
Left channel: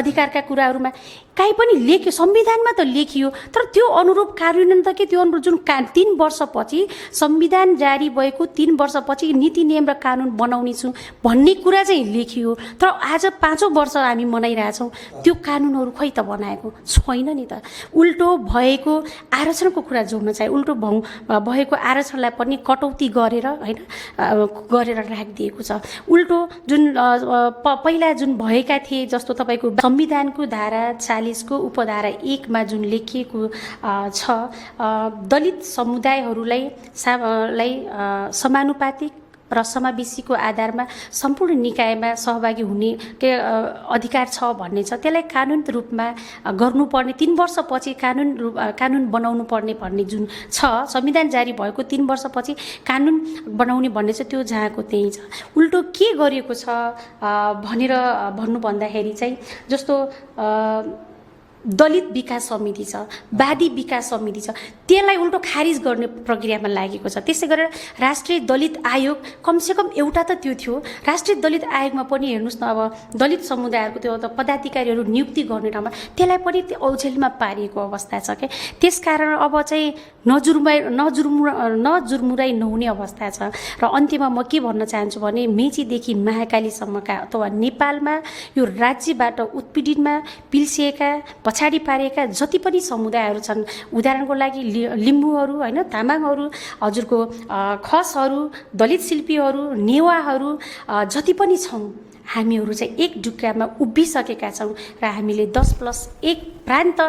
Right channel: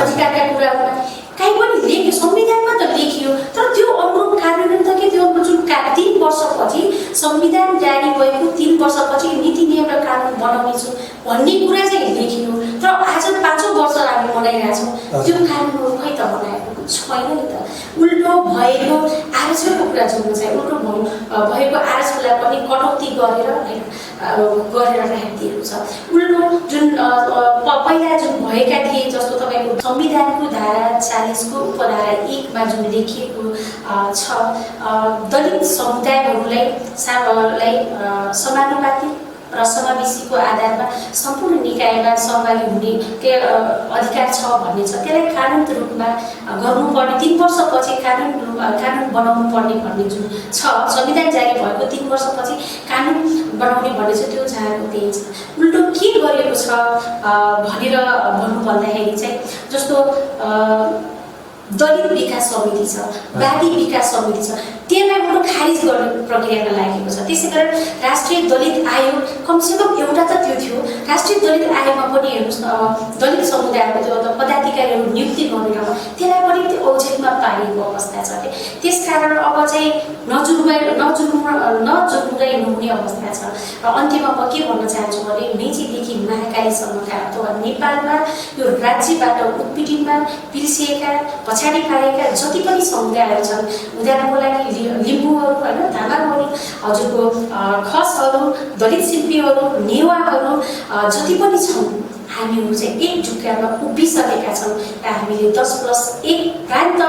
अधिकारका कुराहरूमा काहीँ पनि लेख्यो, संविधानमा त लेखियो, तर त्यो अनुरूप कार्यान्वयन त के त्यो जुन 3 वर्षपछि संविधान जारी भएको 3 वर्षपछि नीति नियम र कानुन बनाउने छु भन्ने कुरा चाहिँ लेखियो, तर आज 5औं वर्ष हामी मनाइरहेछौँ त्यो कानुनहरू खै त बनाएको छैन नि त। उल्टो भएको आरक्षणको कुरा जोड्न चाहिँ उल्टो भएको आरक्षणलाई पनि कटौती गरेर होइन राखिदिएको छ। उल्टो जुन पहिला जुन भएका थिए जस्तो तपाईँको संविधानको धारा 40 को उपधारा 1 मा जुन लेखिएको छ दलित समुदायहरूलाई समानुपातिक र समावेशीको आधारमा सम्पूर्ण निकायमा सहभागी हुने अधिकार छ भन्ने छ। त्यसलाई कानुन रूपमा गर्नुपर्ने 3 वर्षपछि कानुन बनाउनु पर्ने भन्ने जुन छ, संविधान जारी भएको 3 वर्षपछि कानुन बनाउने भन्ने चाहिँ त्यो जहाँको त्यही छ। उल्टो के गरेको छ भनेर भन्नु भन्दाखेरि चाहिँ जस्तो दलित विकास समिति छ, वादी विकास समिति छ, त्यसलाई उल्टो खारिज गर्ने प्रक्रियामा लागेको छ। त्यसै गरेर राष्ट्रिय दलित आयोग कमसेकम एउटा त त्यो थियो। राष्ट्रिय दलित आयोगमा पनि हेर्नुहोस् न, अब दलित समुदायको त्यो पदाधिकारीहरू नियुक्ति गर्ने ठाउँमा त्यसलाई पनि त्यो औछेलमा पारिएको अवस्था छ कि त्यसकारण अब चाहिँ नजुर्मुराइ नहुने अवस्था छ। र अन्त्यमा म के भन्न चाहन्छु भने मेचीदेखि महाकालीसम्मका अथवा नेपालमा यो राज्यबाट उत्पीडनमा पिल्सिएका पछाडि पारेका जति पनि समुदायहरू छन्, उदाहरणको लागि लिम्बूहरू होइन, तामाङहरू, हजुरको खसहरू, दलित शिल्पीहरू, नेवाहरू जति पनि छन्, हामीहरू चाहिँ एक ढुक्कामा उभिसकेका छौँ र हामीले 10+1 प्रान्त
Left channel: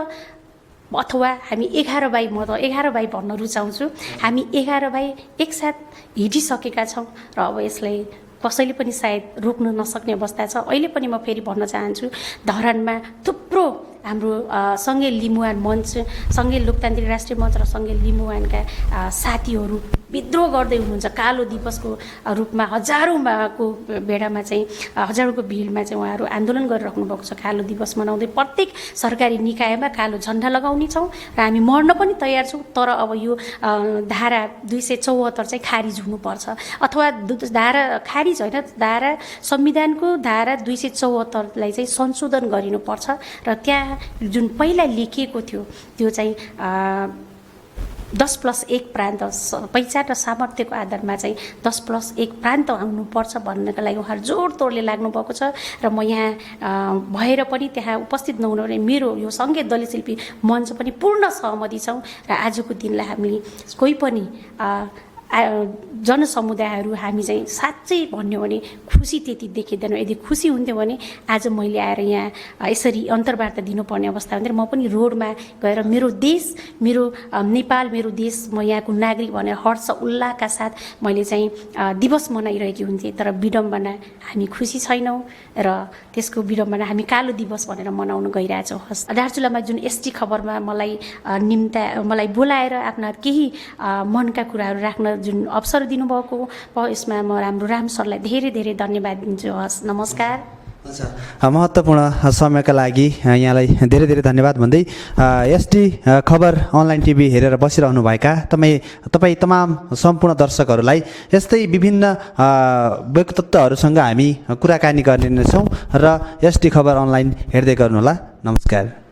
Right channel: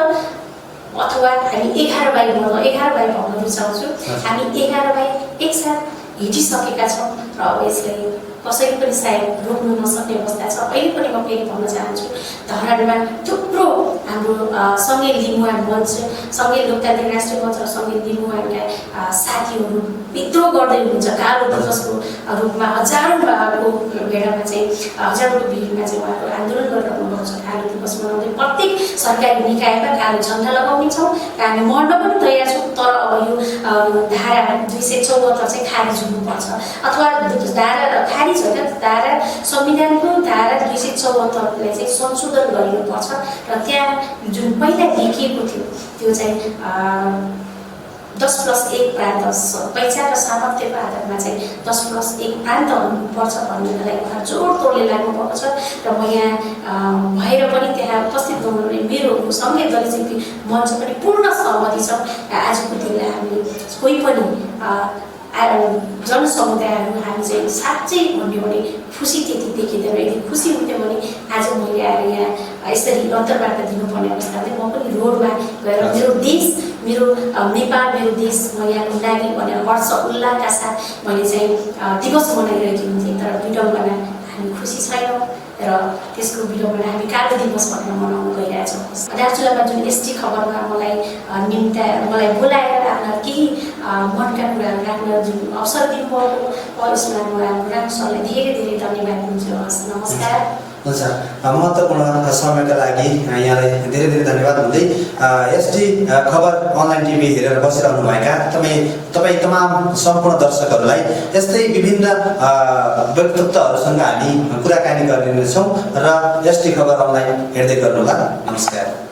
अथवा हामी 11/11 भन्न रुचाउँछु। हामी 11/1 एकसाथ हिँडिसकेका छौँ र अब यसलाई कसैले पनि सायद रोक्न नसक्ने अवस्था छ। अहिले पनि म फेरि भन्न चाहन्छु, धरानमा थुप्रो हाम्रो सँगै लिम्बुवान मञ्च, सँगै लोकतान्त्रिक राष्ट्रिय मञ्च र सँगै लिम्बुवानका साथीहरू विद्रोह गर्दै हुनुहुन्छ। कालो दिवसको रूपमा हजारौँको भेडामा चाहिँ हजारौँको भिडमा चाहिँ उहाँहरू आन्दोलन गरिरहनु भएको छ। कालो दिवस मनाउँदै प्रत्येक सरकारी निकायमा कालो झन्डा लगाउने छौँ र हामी मर्न पनि तयार छौँ। तर अब यो धारा 274 चाहिँ खारिज हुनुपर्छ, अथवा धारा खारिज होइन, धारा संविधानको धारा 274लाई चाहिँ संशोधन गरिनुपर्छ र त्यहाँ जुन पहिला लेखिएको थियो त्यो चाहिँ 10+1 प्रान्त पहिचान र सामर्थ्यको आधारमा चाहिँ 10+1 प्रान्त हुनुपर्छ भन्नको लागि उहाँहरू जोडतोडले लाग्नुभएको छ। र म यहाँ भएर पनि त्यहाँ उपस्थित नहुनु मेरो सँगै दलित मञ्च पनि पूर्ण सहमति छ। र आजको दिनलाई हामीले कोही पनि जनसमुदायहरू हामी चाहिँ साँच्चै भन्यो भने खुसी त्यति देखिँदैन। यदि खुसी हुन्थ्यो भने आज मैले आएर यहाँ यसरी अन्तर्वार्ता दिनुपर्ने अवस्था हुँदैन। म पनि रोडमा गएर मेरो देश, मेरो नेपाल मेरो देश, म यहाँको नागरिक भनेर हर्ष उल्लासका साथ मैले चाहिँ दिवस मनाइरहेकी हुन्थेँ। तर विडम्बना हामी खुसी छैनौँ र त्यसको विडम्बना हामी कालो दिवस भनेर मनाउन गइरहेछौँ। दार्चुलामा जुन एसटी खबरमा मलाई बोलाएर आफ्ना केही मनका कुराहरू राख्न जुन अवसर दिनुभएको यसमा म हाम्रो राम सरलाई धेरै धेरै धन्यवाद दिन्छु। हस्, नमस्कार। हुन्छ, महत्त्वपूर्ण समयका लागि यहाँलाई धेरै धेरै धन्यवाद भन्दै एसटी खबर अनलाइन टिभी हेरेर बसिरहनुभएका तपाईँ तमाम सम्पूर्ण दर्शकहरूलाई यस्तै विभिन्न व्यक्तित्वहरूसँग हामी कुराकानी गर्ने छौँ र एसटी खबर अनलाइन हेर्दै गर्नुहोला। नमस्कार।